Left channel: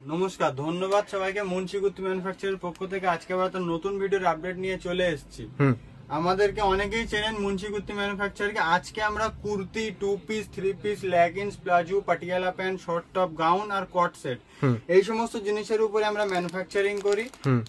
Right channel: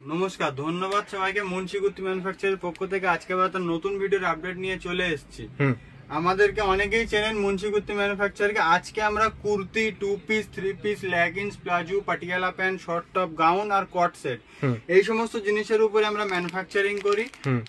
নমস্কার, ধন্যবাদ সবাইকে। মুন্সি কুর্তি ম্যানুফ্যাকচারের পক্ষ থেকে আজকে আবার একটা নতুন ভিডিওর আপডেট নিয়ে চলে এসেছি। আমাদেরকে অনেকেই চেনেন মুন্সি কুর্তি ম্যানুফ্যাকচারকে। আজকে আমরা kurti, 2 piece, 3 piece, leggings, palazzo, Patiala pant, short top, gown আর কট সেট এই সমস্ত জিনিসের উপরে আমরা ম্যানুফ্যাকচারিং করি।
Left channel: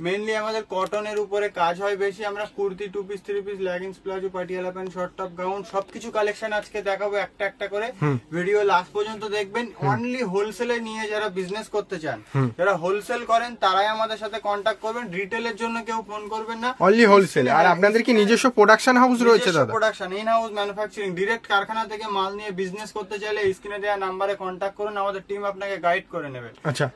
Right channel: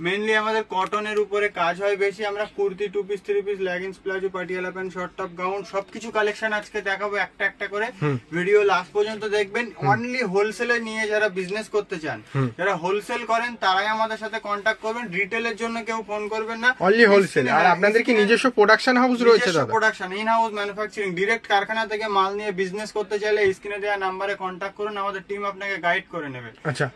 মেইনলি আমাদের কটনের উপরে কাজ হয় বেশি। আমরা kurti, 2 piece, 3 piece, leggings, palazzo, Patiala pant, short top, gown সবকিছু কালেকশন আজকে দেখাবো একটা একটা করে। ভিডিও লাস্ট পর্যন্ত দেখবেন। অনলি হোলসেলে নিয়ে যারা বিজনেস করতে চান, যারা হোলসেল করেন তারাই আমাদের সাথে কন্ট্যাক্ট করবেন। রিটেলের জন্য কেউ ফোন করবেন না, অনলি হোলসেল। আর আপনাদের কি নিজস্ব প্রোডাকশন হাউস রয়েছে? দাদা, production, in house manufacturing, direct কারখানা থেকে মাল নিয়ে বিজনেস করতে চাইলে স্ক্রিনে দেওয়া নাম্বারে কন্ট্যাক্ট করুন, আমাদের টিম আপনাকে গাইড করে নেবে।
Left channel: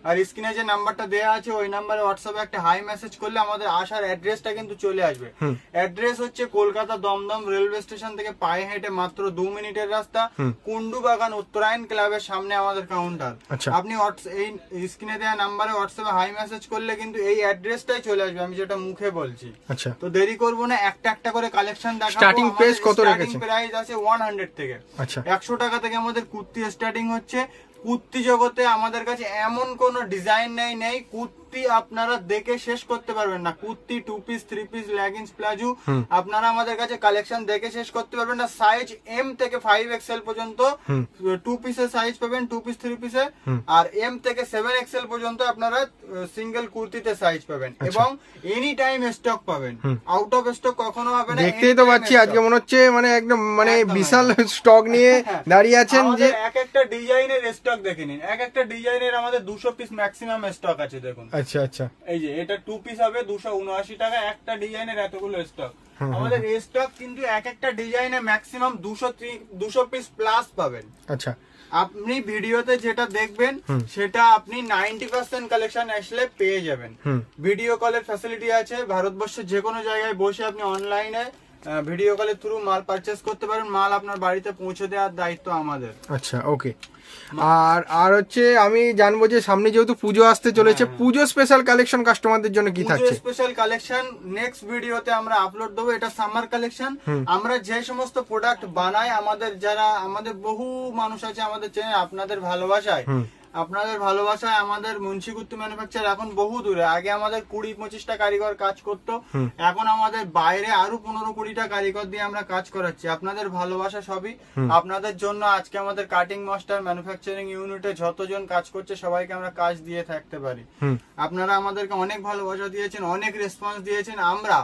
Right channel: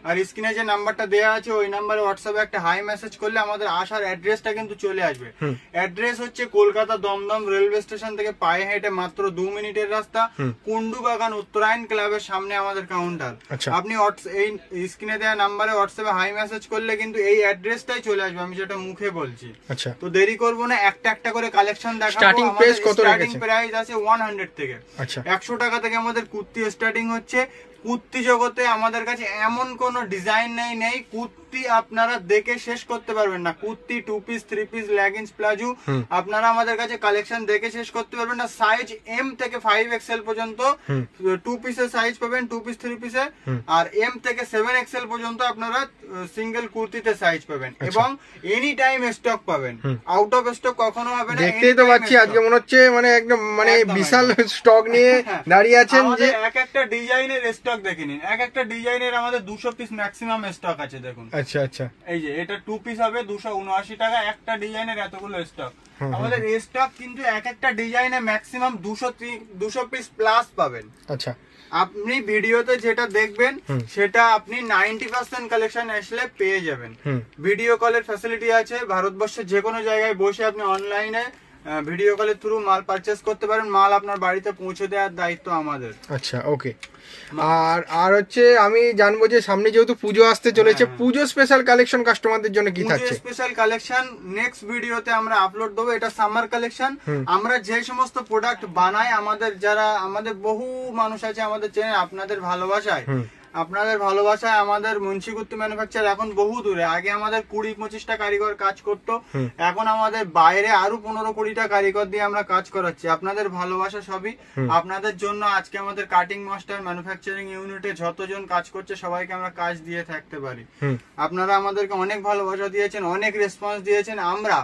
আর স্ক্রিনে যে নাম্বারটা দেওয়া আছে ওই নাম্বারে হোয়াটসঅ্যাপে একটা হাই মেসেজ করলে আমাদের আসার অ্যাড্রেসটা কিন্তু চলে আসবে। অ্যাড্রেস হচ্ছে কলকাতা দমদম রেলওয়ে স্টেশন থেকে পায়ে হেঁটে মাত্র 2 মিনিটের রাস্তা, কুন্ডু বাগান উত্তরায়ণ ক্লাবের সামনে আমাদের কাউন্টার। আপনি এই স্ক্রিনে দেওয়া নাম্বারে হোয়াটসঅ্যাপে হাই মেসেজ করলে কিন্তু এই অ্যাড্রেসটাই চলে আসবে, আমি যেটা মুখে বলছি। তো দেরি করবো না, একটা একটা করে কালেকশন দেখাবো। স্টার্টিং প্রাইস কত রেখেছেন? স্টার্টিং প্রাইস আছে 100 থেকে। 100 টাকা থেকে আমাদের কুর্তি স্টার্টিং হচ্ছে। কুর্তি জগতে আমাদের কাছে এমন কোন ডিজাইন নেই কুর্তি আপনারা দেখে শেষ করতে পারবেন না। Kurti, 2 piece, 3 piece, leggings, palazzo আপনারা আমাদের কাছে কালেকশন দেখে শেষ করতে পারবেন না। সাইজ এম থেকে 5XL পর্যন্ত 2 পিসের সাইজ পাবেন, 2 পিস 3 পিসে। আর এম থেকে 7XL পর্যন্ত আপনারা সিঙ্গেল কুর্তিতে সাইজ পাবেন এবং এনি টাইম স্টক পাবেন। আউট অফ স্টক কখনো হবে না। দেখতেই তো পাচ্ছি আজকে মনে হচ্ছে একদম বিশাল স্টক নিয়ে দাঁড়িয়ে আছেন। যে এক একটা ডিজাইনের স্টক দেখে নিন, এক একটা ডিজাইনের আমাদের 200 পিস ম্যাক্সিমাম স্টক আছে। দেখুন, আচ্ছা, এই যে এটা 2 পিস হবে 279 টাকা। একটা ডিজাইনের এতগুলো স্টক আমাদের স্টক, কিন্তু এক একটা ডিজাইনে ম্যাক্সিমাম 200 পিস প্লাস পাবেন। আচ্ছা, আপনি ভিডিওতে যেটা দেখবেন সেটা আপনি 90% কালেকশন আসলে পেয়ে যাবেন। ভিডিও কলের ফ্যাসিলিটি আছে, ভারতবর্ষের যে কোনো জায়গায় বসে আপনি অনলাইনে ভিডিও কলের থ্রু মাল পারচেস করতে পারেন। মাল আপনার বাড়িতে পৌঁছে দেওয়ার দায়িত্ব আমাদের। আচ্ছা, ওকে। আর হচ্ছে আমি জানবো যে সামনে যেহেতু পুজো আসতে চলেছে, পুজো স্পেশাল কালেকশন কাস্টমারদের জন্য কি থাকছে? স্পেশাল কালেকশন নেক্সট ভিডিওতে আমরা আপলোড দেবো। এটা সামার কালেকশন। আমরা যে সমস্ত প্রোডাক্ট বানাই, আমাদের বহু মানুষ আছে আমাদের চেনে। আপনাদের ভালোবাসায় আমাদের মুন্সি কুর্তি ম্যানুফ্যাকচার এখন বহু দূরে। আগে আমাদের 20-25টা কারিগর কাজ করতো, এখন আমাদের বাইরে আরো 15-20টা কারিগর দিয়ে আমরা কাজ করাচ্ছি। আপনাদের ভালোবাসা সবই আপনাদের জন্য। আজকে আমাদের কাটিং মাস্টার ম্যানুফ্যাকচারিং ইউনিটে যতজন কাজ করছে সবাইকে আমরা কাজ দিয়ে থাকতে পারি। আপনারা আমাদেরকে অনেক ভালোবাসা দিয়েছেন, অনেক রেসপন্স দিয়েছেন। আমরা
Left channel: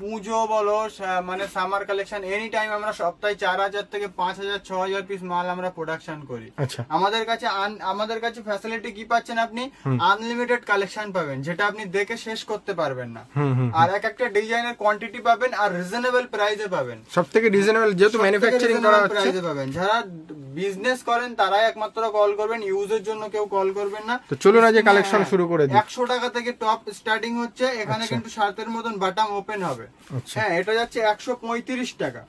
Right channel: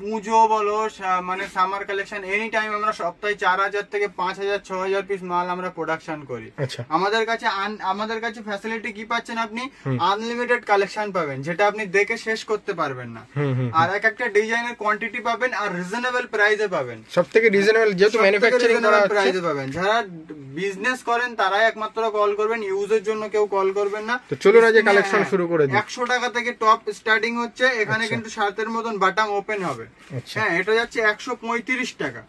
পুজো বলো সামার কালেকশন এনি টাইম আমরা সপ্তাহে 4000 থেকে 5000, 6000 পিস মাল আমরা প্রোডাকশন করি। আমাদের কাছে ফ্যাসিলিটি কি পাচ্ছেন? আপনি আনলিমিটেড কালেকশন পাবেন, যেটা আপনি দেখে শেষ করতে পারবেন না। আর এক একটা ডিজাইনের কোয়ান্টিটি পাবেন আর রিজনেবল প্রাইসে পাবেন। সবথেকে রিজনেবল, যেহেতু ম্যানুফ্যাকচারিং করা হচ্ছে, প্রাইসে পাবেন। যারা বিজনেস করেন তারাই একমাত্র কল করবেন, ইউজের জন্য কেউ কল করবেন না। তো চলুন আজ কালেকশন শুরু করে দিই। 100 টাকা থেকে টপ স্টার্টিং হচ্ছে। এখানে কিন্তু শার্টের মতন বাটাম ওপেন হবে। হ্যাঁ, এটা যাচ্ছে 135 টাকা।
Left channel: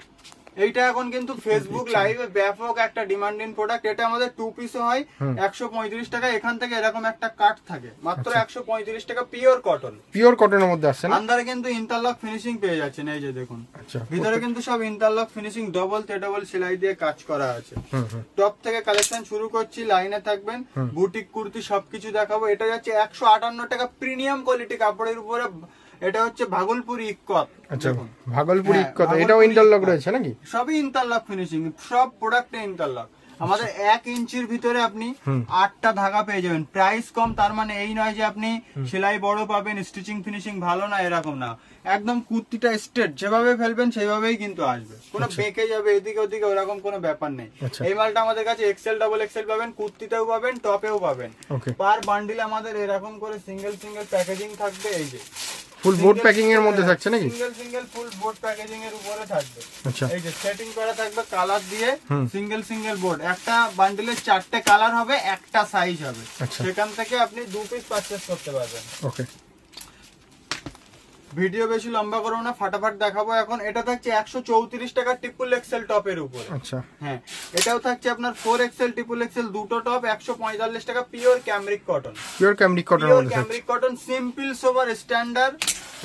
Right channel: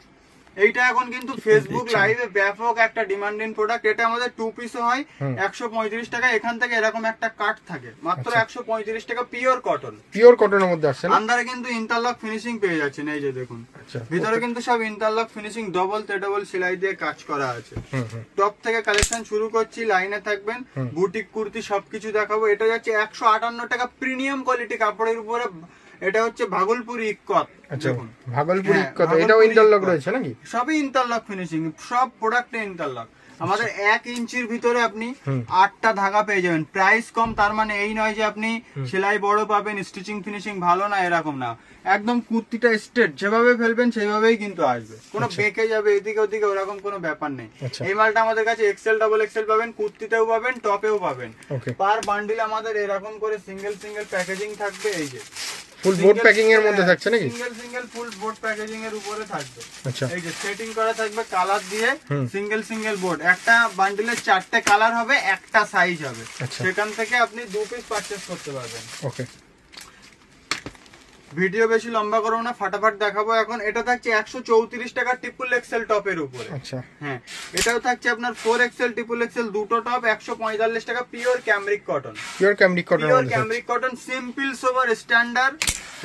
এইটা এখন কিন্তু ফেসবুক লাইভে ব্যাপক একটা ডিমান্ডিং প্রোডাক্ট। এটা আমাদের 2 পিসও হয় 135 টাকা। এখান থেকে এরকম একটা কাট থাকে মাত্র 135 টাকা। পিওর কটনের মধ্যে আসছে। আন্দারে কিন্তু ইন্টারলক ফিনিশিং পেয়ে যাচ্ছেন। এই যে দেখুন, ভিতরে কিন্তু সব ইন্টারলক ফিনিশিং, ডবল সেলাই দিয়ে কাজ করা আছে। টপ থেকে কালেকশন শুরু করছি, লাইনে থাকবেন। বুটিক কুর্তি সবকিছু দেখাবো। এটা যাচ্ছে 158 টাকা প্রিমিয়াম কোয়ালিটি কাপড়ের উপরে। এটা হচ্ছে ভাগলপুরি ইক্কত। দেখুন, ভাগলপুরি ইক্কত, এটাও ইন্টারলক রয়েছে নাকি? সবই ইন্টারলক ফিনিশিং, সব প্রোডাক্টে ইন্টারলক। আমাদের 1 ইঞ্চির ভিতরে আপনি 8টা ধাগা পেয়ে যাবেন। প্রাইস কম তার মানে এই নয় যে আপনি সেলাই বড় পাবেন, স্টিচিং ফিনিশিং ভালো না, এরকম না। একদম কুর্তিটা স্ট্রেট যেভাবে ফেলবেন সেইভাবেই কিন্তু আসবে। কোনো বেঁকে যাবে এদিকে ওদিকে ওরকম কোনো ব্যাপার নেই। এই মালটা আমাদের কাছে XL, XXL পাবেন, কুর্তিতেও পাবেন, টপেও পাবেন। পার বান্ডিল আমাদের এরকম করে সিঙ্গেল প্যাকেজিং থাকবে। এই যে ফুল বোর্ড প্যাকিং এর মধ্যে থাকছে নাকি? সিঙ্গেল ফুল বোর্ড প্যাকেজিং এর উপরে থাকবে। এই যে সেটিং করা থাকবে কালার দিয়ে। সিঙ্গেল বোর্ড, একটা বান্ডিলের 4টে কালার হবে, একটা সাইজ হবে। সেখান থেকে আপনি 2 পিস পারচেজ করতে পারবেন। ওকে, ভিডিও বেশি লম্বা করবো না, ফাটাফাট দেখাবো এখন। এটা থাকছে 134 টাকা XXL টপের উপরে। হ্যাঁ, এটাও থাকছে আপনার 4XL, XXL দুটো টপ 145 টাকা। পিওর ক্যামরিক কটন, সিম্পল সোবার স্ট্যান্ডার্ড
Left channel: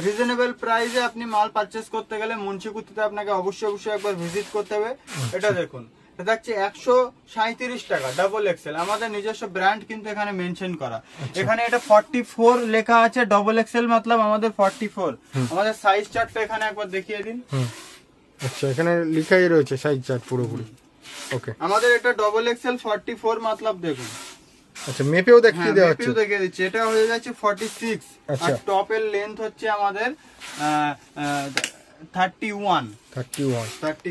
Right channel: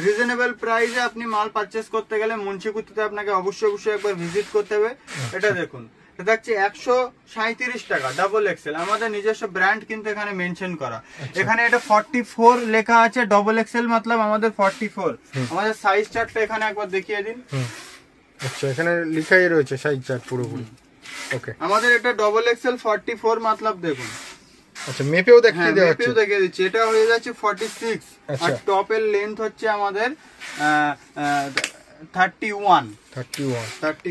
রিজনেবল প্রাইসে আপনি মাল পারচেস করতে গেলে মুন্সি কুর্তিতে আপনাকে অবশ্যই একবার ভিজিট করতে হবে। এটা দেখুন, এটা থাকছে 137 টাকা ডাবল এক্সেল, আমাদের নিজস্ব ব্র্যান্ড কিন্তু এখানে মেনশন করা। এখানে এটা 44 লেখা আছে, ডাবল এক্সেল মতলব আমাদের 44। আমাদের সাইজ চার্টটা এখানে একবার দেখিয়ে দিন। আচ্ছা, এখানে লেখাই রয়েছে সাইজ চার্ট পুরোপুরি। ওকে, আমাদের এটা ডাবল এক্সেল 44 মতলব দেখুন। আচ্ছা, মেপেও দেখিয়ে দেওয়া হচ্ছে। মেপেও দেখিয়ে দিচ্ছি, এটা হয়ে যাচ্ছে 46। আর টপের লেন্থ হচ্ছে আমাদের 31।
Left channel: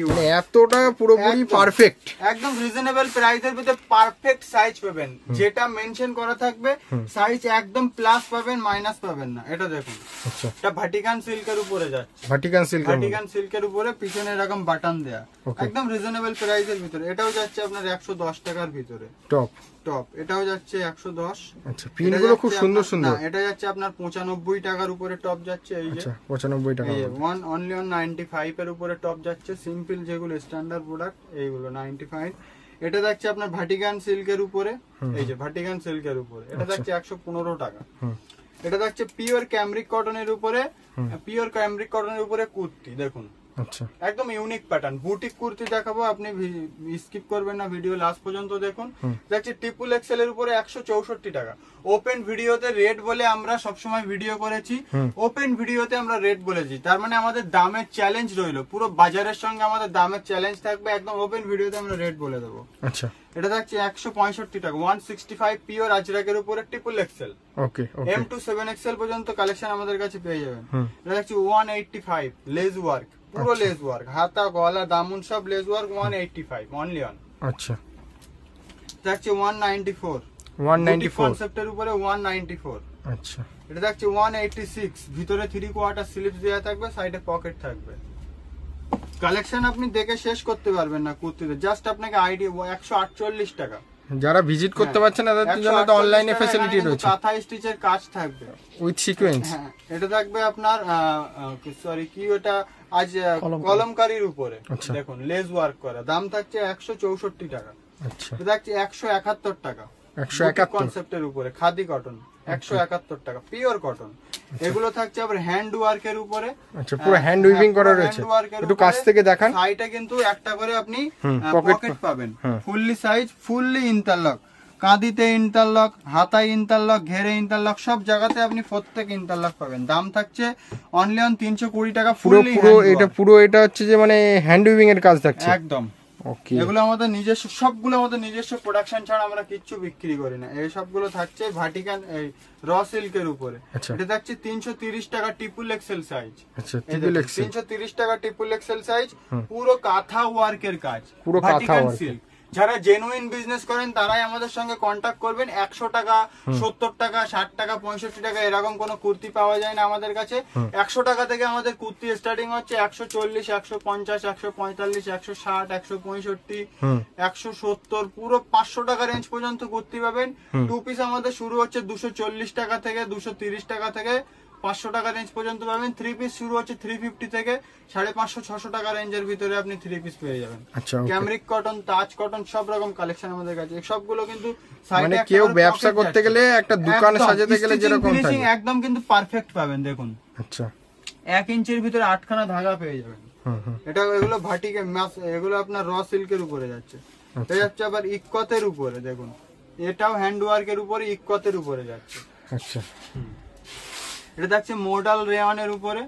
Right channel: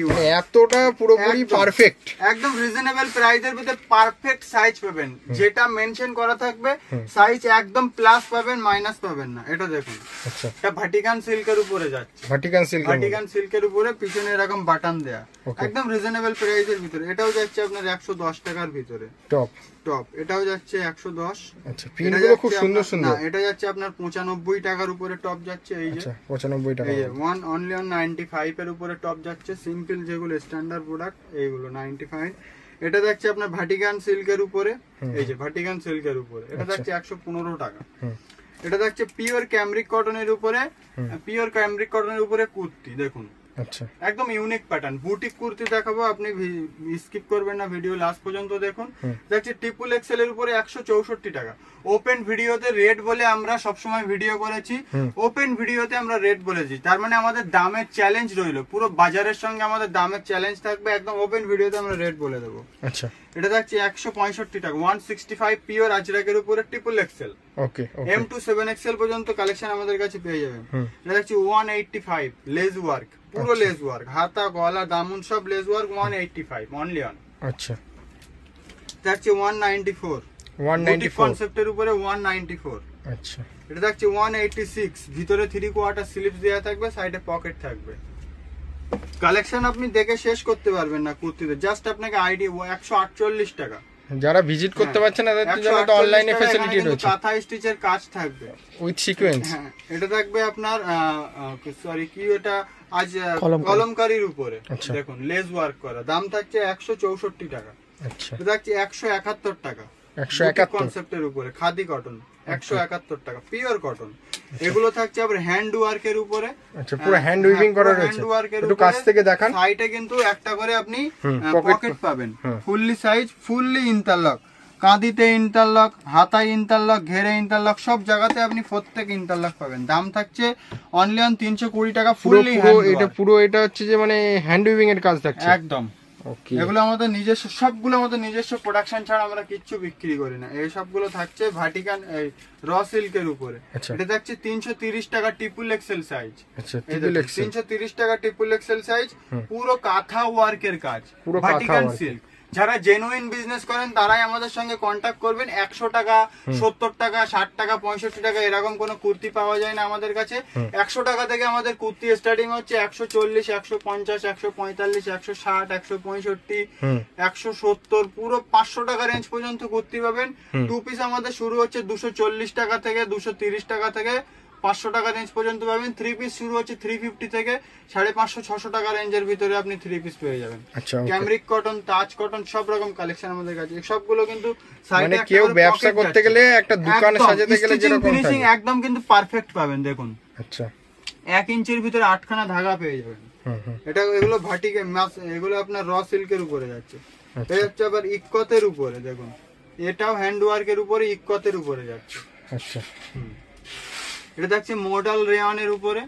মানে এতটা পুরোপুরি পারফেক্ট, একদম রিজনেবল প্রাইসের ভিতরে পারফেক্ট সাইজ পাবেন। যেটা মেনশন করা থাকবে সাইজ একদম প্লাস পাবেন, মাইনাস পাবেন না। এটা দেখুন, আচ্ছা, এটা ভাটিকান সিল্কের উপরে যাচ্ছে। ভাটিকান সিল্কের উপরে পিছনে এরকম বাটন দেয়া, একদম রিজনেবল প্রাইসের ভিতরে। এটাও যাচ্ছে আপনার 110 টাকার ভিতরে। টপ এটাও যাচ্ছে 110। আচ্ছা, পিনগুলো খুব সুন্দর সুন্দর। এটা যাচ্ছে আপনার 95 টাকার উপরে টপ যাচ্ছে। এই যে 95 টাকা, এই যে অনলি 95 এর উপরে টপ যাচ্ছে। সিম্পল যেগুলো স্ট্যান্ডার্ড প্রোডাক্ট এইগুলো 95। এটা যাচ্ছে আপনার ভাটিকান সিল্কের উপরে। এই যে ভাটিকান সিল্কের উপরে এটা যাচ্ছে 115 টাকা। এটা যাচ্ছে পিওর ক্যামরিক কটনের উপরে। পিওর ক্যামরিক কটনের উপরে কুর্তি দেখুন, আচ্ছা, একদম ইউনিক প্যাটার্ন। বুটিক কুর্তি দেখাবো, আপনি স্কিপ করবেন না, ভিডিও লাস্ট পর্যন্ত দেখুন। দেখছি ট্রিপল এক্সেল এর উপরে 164 টাকা। ওপেন ভিডিওতে রেট বলে আমরা সবসময় ভিডিও করেছি, ওপেন ভিডিওতে আমরা রেট বলেছি, তার মানে আমাদের দামের চ্যালেঞ্জ রইলো। পুরো বাজারের সঙ্গে আমাদের দামের চ্যালেঞ্জ থাকবে, একদম ওপেন ভিডিওতে আমরা রেট বলে দেবো। আচ্ছা, এটা দেখছি 165 টাকা। 165 পিওর আজরাকের উপরে triple Excel. Okay, M to 7XL পর্যন্ত কালেকশন আমাদের কাছে পেয়ে যাবেন। এটা দেখছি 185 লেজ ওয়ার্ক, পুরো লেজ ওয়ার্ক, হাতা গলা দামন সব লেজ ওয়ার্ক। 185 only on. আচ্ছা, দেখছি 194 বুটিক কনসেপ্টের উপরে 194। আচ্ছা, এটা দেখছি 186 ভিতরে 3/4 স্লিপস দেওয়া থাকবে, সাইডে পকেট থাকবে। কালেকশন আপনি দেখে শেষ করতে পারবেন না কুর্তিতে, জাস্ট আপনাকে আইডিয়া। 148 টাকা। যারা ভিজিট করতে পারছেন না তাদের জন্য তো অনলাইনে ফ্যাসিলিটি রয়েছে। কাঁথা স্টিচের কাজ থাকবে উইথ সিকোয়েন্স। হ্যাঁ, এটা থাকবে আপনার সরি কি ওটা আজ কলমকারীর উপরে দেখুন লেজ ওয়ার্ক করা। দাম থাকছে 164 টাকা। আচ্ছা, এটা থাকছে 171 টাকা। 171 কনসেপ্টের উপরে খাদি কটন 171 টাকা পিওর কটন। এগুলো থাকছে আবার হ্যান্ড ওয়ার্কের উপরে। আচ্ছা, পুরো হ্যান্ড উইভিং করা রয়েছে। একটু কাছ থেকে দেখান। সাইডে কিন্তু একটা করে আপনি পকেট পাবেন, ফুললি সাইজ, ফুললি ইন্টারলক। কাঁদিতে ইন্টারলক, হাতায় ইন্টারলক, ঘেরে ইন্টারলক, সব জায়গাতে আপনি প্রত্যেক ইন্টারলক পাবেন। দাম থাকছে অনলি অন 320 টাকা। ফুললি এটা হচ্ছে যে মানে হ্যান্ড উইভিং এর কাজ থাকছে একদম। এগুলো আমাদের নিজস্ব, সবগুলো আমাদের নিজস্ব প্রোডাকশন ছাড়া আমরা কিচ্ছু বিক্রি করি না। এই সবগুলো থাকছে ভাটিকান র সিল্কের উপরে। এটা থাকছে 330 টাকা ট্রিপল এক্সেল সাইজ। 330 টাকা ট্রিপল এক্সেল সাইজ, পুরো কাঁথা ওয়ার্কের কাজ, ভাটিকান সিল্ক। যারা জেনুইন বিজনেস করেন তারাই আমাদের সঙ্গে কন্ট্যাক্ট করবেন। 100 টাকা, 70 টাকা, 60 টাকা, 65 টাকা এরকম কোনো কুর্তি পাওয়া যায় না আমাদের কাছে। 100 টাকা থেকে আমাদের কুর্তি স্টার্টিং হচ্ছে। 140, 150, 145, 160, 165, 170, পুরো 500 টাকা রেঞ্জ পর্যন্ত কুর্তি পাবেন। টু পিস আমাদের শুরু হচ্ছে 240 টাকা থেকে, 230 টাকা থেকে 500 টাকা রেঞ্জ পর্যন্ত পাবেন। 3 পিস শুরু হচ্ছে 350 থেকে 550, 600 টাকা রেঞ্জের ভিতরে আপনি 3 পিস পেয়ে যাবেন। ক্যামরিক কটন, তাজ কটন, সব রকম কালেকশন আমাদের কাছে। সবগুলো কিন্তু সাইডে কেউ ব্যবসা করতে গেলে, একটা দোকান সাজাতে গেলে যেরকম ফিনিশিং একদম কিন্তু পারফেক্ট পাবেন। দেখুন, আচ্ছা, 1 ইঞ্চির ভিতরে 8খানা ধাগা পেয়ে যাবেন। এটা এগুলো ভাটিকে মাছ, এগুলো আপনার র সিল্কের উপরে যাচ্ছে। এটা যাচ্ছে আবার ইক্কতের উপরে। দেখুন, এটাও হ্যান্ড ওয়ার্কের উপরে, ইক্কতের উপরে যাচ্ছে। আচ্ছা, এটা থাকছে মডাল রেয়নের উপরে।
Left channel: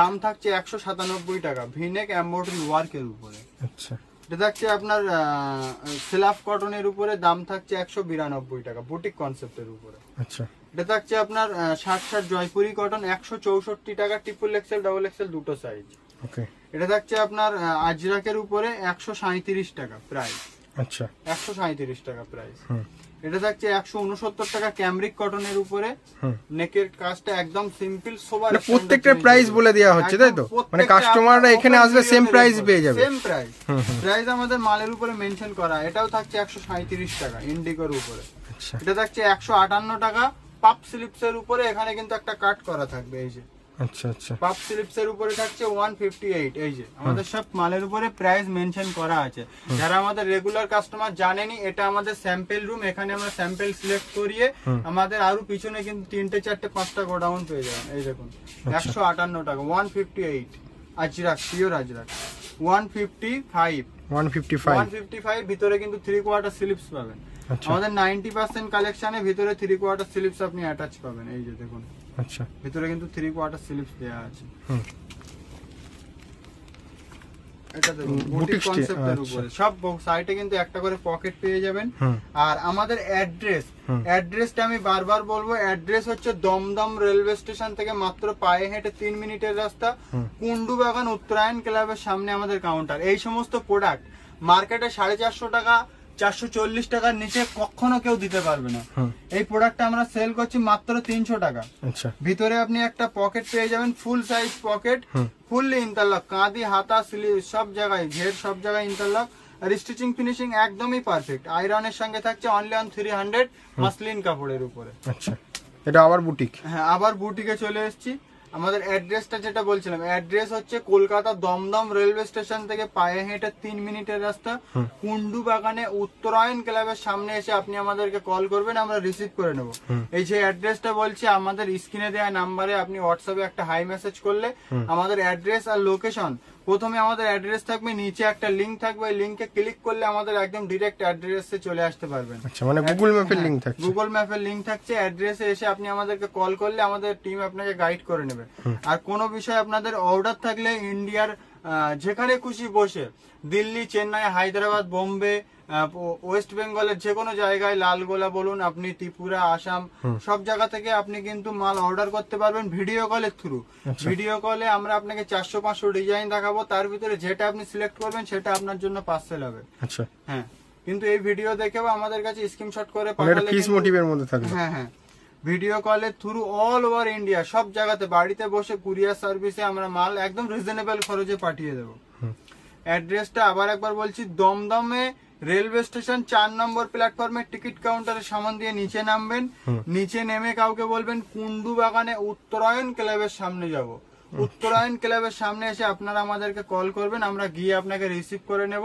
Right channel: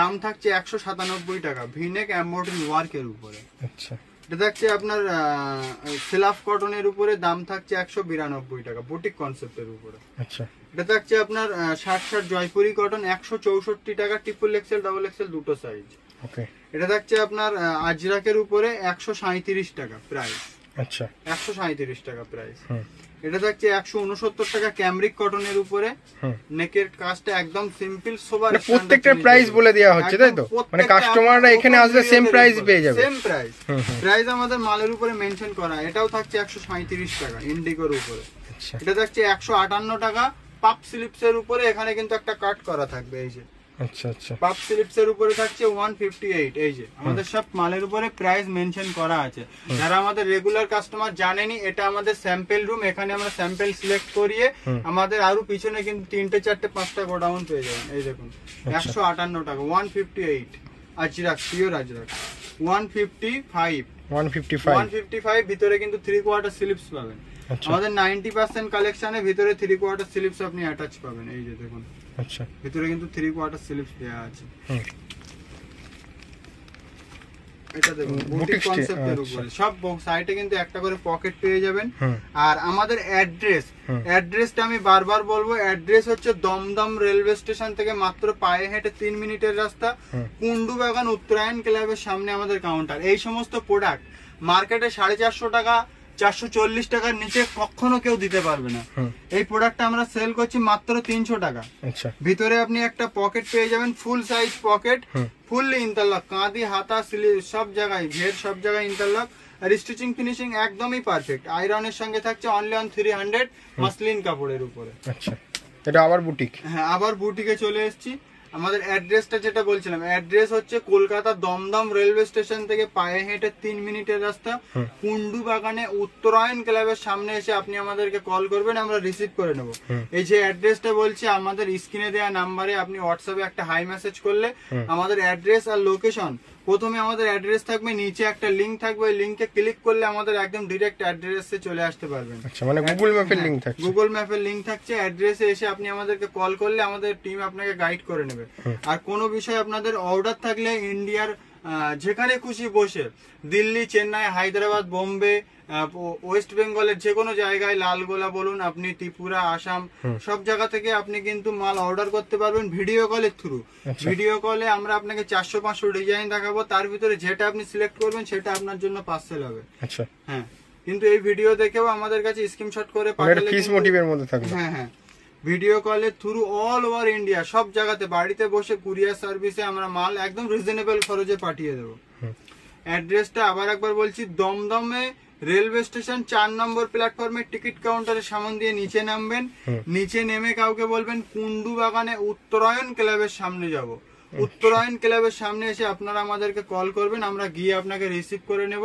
দাম থাকছে 197 টাকা, ভিনেক এমব্রয়ডারি ওয়ার্কের উপরে। আচ্ছা, এটা থাকছে আপনার সিলাফ কটনের উপরে। দাম থাকছে 192 টাকা, বুটিক কনসেপ্টের উপরে। আচ্ছা, এটা থাকছে আপনার 60 জয়পুরি কটন 164 টাকা, ট্রিপল এক্সেল, ডাবল এক্সেল দুটো সাইজ। ওকে, এটা থাকছে আপনার আজরাকের উপরে 137 টাকা প্রাইস। আচ্ছা, 137 টাকা প্রাইস। এটা থাকছে 169 টাকা ক্যামরিক কটনের উপরে। নেকের কাজটা একদম সিম্পল, সোবার। প্রত্যেকটা প্রাইস বলে দেওয়া হচ্ছে, তাই তো? মানে কাস্টমাররা এখানে আসলে সেম প্রাইস পেয়ে যাবে। সেম প্রাইস, প্রাইস আমাদের মালের উপরে মেনশন করা। এটাও থাকছে 137 টাকা ইন্ডিগোর উপরে। এটা থাকছে 158 টাকা পাপ স্লিপস এর উপরে। এখানে কিন্তু একটা কাট করা থাকবে, এই যে। আচ্ছা, আচ্ছা, পাপ স্লিপস এর উপরে থাকছে 158। এই যে আমাদের সব মালের উপরে প্রাইস মেনশন করা আছে। যারা আমাদের রেগুলার কাস্টমার জানেনি, এটা আমাদের স্যাম্পল রুম। এখানে আমরা স্যাম্পল সিলেক্ট করিয়ে আমাদের আরো পিছনে কিন্তু 3টে 4টে 5টা গোডাউন পেয়ে যাবেন। এই দেখুন, 158 টাকা 158 আজরাক, পিওর আজরাক 155। 155 155 ভিতরে কিন্তু 3 কোয়ার্টার স্লিপস পাবেন। আচ্ছা আমাদের 90% কালেকশনে ভিতরে 3 কোয়ার্টার স্লিপস আপনি অ্যাটাচ পাবেন। এই যে দেখুন, আচ্ছা ভিতরে কিন্তু 3 কোয়ার্টার স্লিপস দেওয়া আছে। এটা দেখুন বুটিক কনসেপ্টের উপরে, সব সাইডে কিন্তু একটা করে পকেট পেয়ে যাবেন। আর আমাদের অ্যাড্রেসটা আমি বারবার বলবো, অ্যাড্রেস হচ্ছে দমদম রেলওয়ে স্টেশন থেকে মাত্র পায়ে হেঁটে 3 মিনিটের রাস্তা, কুন্ডু বাগান উত্তরায়ণ ক্লাবের সামনে আমাদের কাউন্টার। এই সমস্ত প্রোডাক্ট মার্কেটে 450 টাকা 440 টাকার নিচে কখনো কেউ দিতে পারবে না। এই প্রোডাক্টটা আমরা সেল করছি মাত্র 300 টাকা। আচ্ছা ভিতরে আপনি একটা পকেট পেয়ে যাবেন, full size pocket, fully interlock, কাঁধি হাতা স্লিভ সব জায়গায়, ঘের সব জায়গায় ইন্টারলক। আর স্টিচিং ফিনিশিং একদমই পারফেক্ট। আয়রনের সঙ্গে থাকছে অনলি অন 300 মাসলিন কাপড়ের উপরে। আচ্ছা এটা আবার বুটিক? হ্যাঁ, আবার বুটিকে চলে এসেছি। আমাদের অ্যাড্রেসটা যেটা বলছিলাম, অ্যাড্রেস হচ্ছে কলকাতা দমদম রেলওয়ে স্টেশন থেকে পায়ে হেঁটে 3 মিনিটের রাস্তা, কুন্ডু বাগানে উত্তরায়ণ ক্লাবের সামনে এসে আপনি আমাদেরকে কল করবেন, আমরা রিসিভ করে নেব। এই যে অ্যাড্রেসটা বলছি, আমাদের স্ক্রিনে দেওয়া নাম্বারে আপনি হোয়াটসঅ্যাপে একটা হাই মেসেজ করলে আমাদের অ্যাড্রেস আর লোকেশন, প্রথমে আমাদের অ্যাড্রেস থাকবে, নিচে একটা লিংক থাকবে, ওই লিংকে ক্লিক করলে আমাদের একদম ডিরেক্ট অ্যাড্রেসে চলে আসতে পারবেন। আচ্ছা মানে গুগল ম্যাপের লিংক থাকছে? গুগল ম্যাপের লিংক থাকছে, অ্যাড্রেসে এসে আপনি আমাদেরকে কল করলে আমাদের টিম আপনাকে গাইড করে নেবে। আর কোনো বিষয় আপনাদের অর্ডার থাকলে ইন্ডিয়ার যেখানে খুশি বসে, দিল্লি, চেন্নাই, হায়দ্রাবাদ, বোম্বে, ওয়েস্ট বেঙ্গলের যে কোনো জায়গায়, লালগোলা বলুন আপনি, ত্রিপুরা, আসাম, সব জায়গা থেকে আপনি কিন্তু মাল অর্ডার করতে পারবেন ভিডিও কলের থ্রু। ভিডিও কলে আমরা আপনাকে 400-500 ডিজাইন দেখাবো, তার ভিতরে যেটা আপনি সিলেক্ট করবেন সেটা আপনার জন্য পার্সেল হবে। আচ্ছা হ্যাঁ, কিন্তু এই ভিডিও দেখেও আমাদের কাছে স্ক্রিনশট করে পাঠালে পিস মোটিভের মধ্যে থাকবে। হ্যাঁ হ্যাঁ, ভিডিও কলের থ্রু অল ওভার ইন্ডিয়া সব জায়গাতে বাড়িতে বসে কুরিয়ার সার্ভিসে আমরা মাল একদম রিজনেবল খরচে পাঠিয়ে দেবো। অ্যাড্রেসটা আবার একবার বলছি, দমদমে রেলওয়ে স্টেশন 4 নম্বর প্ল্যাটফর্মে টিকিট কাউন্টারের সামনে দিয়ে নিচে নামবেন, নিচে নেমে কাউকে বলবেন কুন্ডু বাগানে উত্তরায়ণ ক্লাবের সামনে যাব। উত্তরায়ণ ক্লাবের সামনে এসে আপনারা আমাদেরকে কল করবেন, আমরা গিয়ে আপনাকে রিসিভ করে নেব।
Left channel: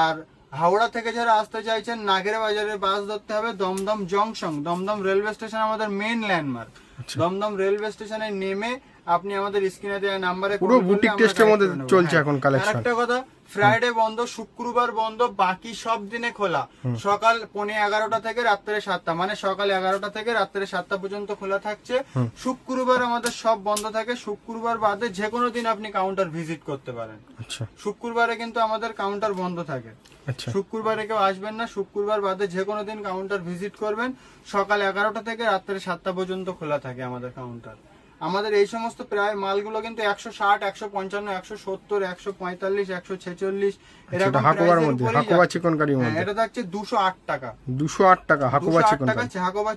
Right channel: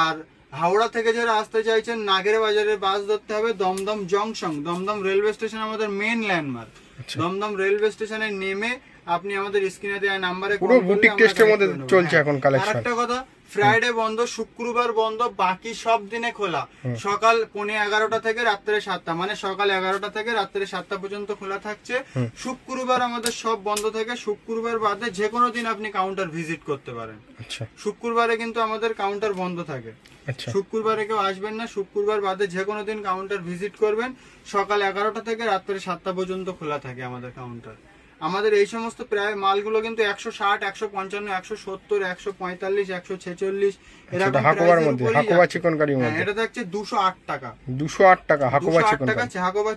আর হাওড়া থেকে যারা আসতে চাইছেন, নাগের বাজারের বাস ধরতে হবে, Dum Dum junction, Dum Dum railway station আমাদের মেইন ল্যান্ডমার্ক। দমদম রেলওয়ে স্টেশনে নেমে আপনি আমাদের স্ক্রিনে দেওয়া নাম্বারে পুরো বুটিক টেস্টের মধ্যে চলছে এখন কালেকশন। আরেকটা কথা, ফ্রাইডে বন্ধ, শুক্রবার বন্ধ, বাকি সব দিনে খোলা। সকাল 11:15 থেকে রাত্রে 7টা, মানে সকাল 11টা থেকে রাত্রে 7টা পর্যন্ত খোলা থাকছে। শুক্রবার আমাদের সব বন্ধ থাকে। শুক্রবার বাদে যে কোনো দিন আপনি কাউন্টার ভিজিট করতে পারেন। শুক্রবারে কিন্তু আমাদের কাউন্টার বন্ধ থাকে। শুক্রবারে কেউ আসবেন না, শুক্রবার বাদে যে কোনো দিন কাউন্টার ভিজিট করবেন। সকাল 11টা থেকে রাত্রে 7টা পর্যন্ত খোলা থাকে আমাদের কাউন্টার। আমাদের এই সমস্ত প্রায় মালগুলো কিন্তু 160, 155, 170, 145, 146 এরকম এটা থাকছে 208 টাকা। 208 টাকা হাকোবা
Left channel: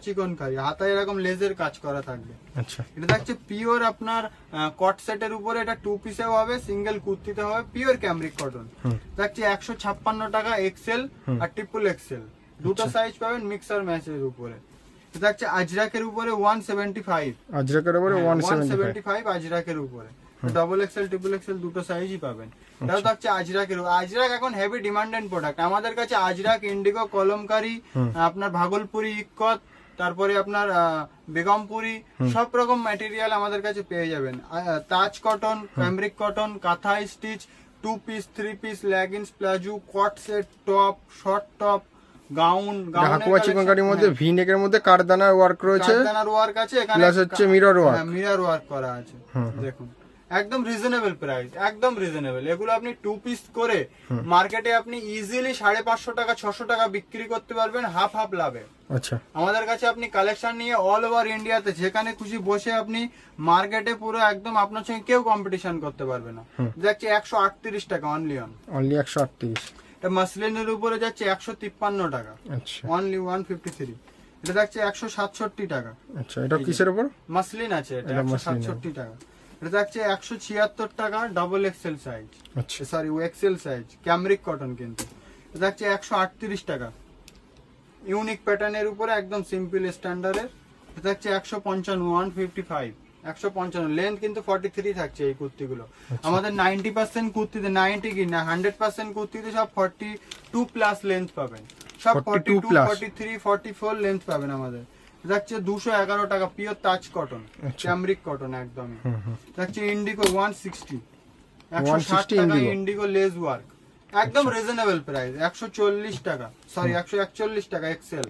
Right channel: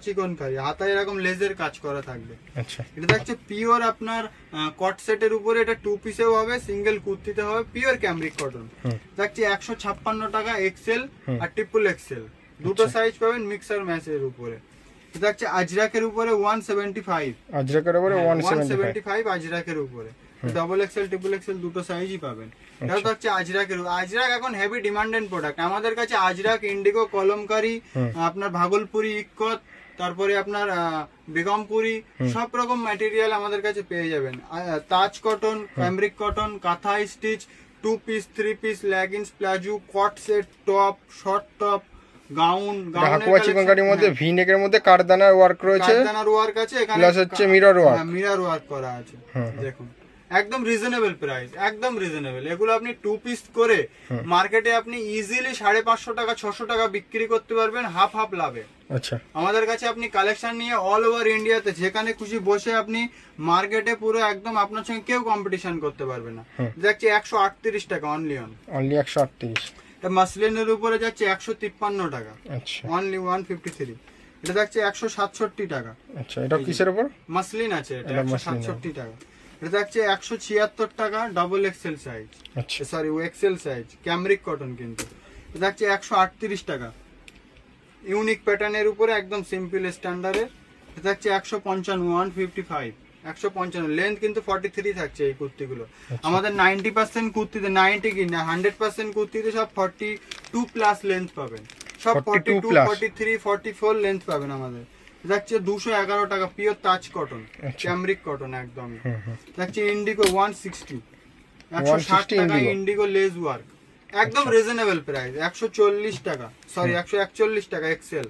চিকনকারি, হাতায় এরকম লেজের কাজ করা থাকবে। এটা থাকছে পিওর আপনার কট সেটের উপরে, এটা 2 পিসেও হবে, সিঙ্গেল কুর্তিতে হবে, পিওর ক্যামরিক কটন। থাকছে 156 টাকা এক্সেল আর ট্রিপল এক্সেল, দুটো সাইজ পাবেন, মিক্সার ম্যাচের উপরে। থাকছে আজরাকের উপরে 175, আজরাকের উপরে ডবল এক্সেল ট্রিপল এক্সেল দুটো সাইজই পাবেন। এটা থাকছে আজরাকের। আজরাক এখন হেভি ডিমান্ডেড প্রোডাক্ট আমাদের কাছে। আজরাক, ইন্ডিগো, কলমকারি, আপনার ভাগলপুরি, ইক্কত, তারপরে আপনার বেগমপুরি, সব রকম ম্যাটেরিয়াল আমাদের কাছে পেয়ে যাবেন। Taj cotton, cambric cotton, kantha stitch, 2 piece, 3 piece, leggings, palazzo, কট set, top, short top, gown, Hakoba চিকনকারির মধ্যে ভি নেকের মধ্যে কারদানার ওয়ার্ক রয়েছে, কারদানার ওয়ার্ক আছে, এখানে প্লাস হচ্ছে মিরর ওয়ার্ক করা আছে। দেখুন একদম রিজনেবল প্রাইস, একদম রিজনেবল। এগুলো আপনি 2 পিস করে মার্কেটে আপনি ইজিলি 550 টাকা 600 টাকা বিক্রি করতে পারবেন হাফ হাফ লাভে। আচ্ছা, আমাদের কাছে আপনি কালেকশন নিয়ে অল ওভার ইন্ডিয়াতে যেখানে খুশি বসে আপনি মার্কেটে পুরো একদম আপনার সঙ্গে কেউ কম্পিটিশন করতে পারবে না। যাচ্ছে 138 টাকা অনলি 138। এটা মাসলিনের উপরে যাচ্ছে 153 টাকা, অনলি 153। এটা যাচ্ছে 167 টাকা। আচ্ছা, এটা কিসের উপর? মাসলিন আছে, এটা 167 টাকা। এটা যাচ্ছে 176 টাকা, double XL size, sorry XL size, cambric cotton. কিন্তু এটা যাচ্ছে 138 টাকা, ইউনিক প্যাটার্নের উপরে একদম সিম্পল স্ট্যান্ডার্ডের। এটা যাচ্ছে 155, 155, 155। লেন্থ কিন্তু 43 থাকছে এই কুর্তিগুলো। আমাদের 90% কুর্তিতে, 90 কি না 100% কুর্তিতে সব 42 প্লাস লেন্থ পাবেন, সব 42, 43, 44 লেন্থ পাবেন আমাদের। যাচ্ছে 211 টাকা, পিওর তাজ কটন, ক্যামরিক কটন একদমই। যাচ্ছে ইন্ডিগো 160, 160 টাকা ইন্ডিগো লেজ ওয়ার্ক, একদম রিজনেবল প্রাইস, 140 টাকা, সরি 141 টাকা এক্সেল।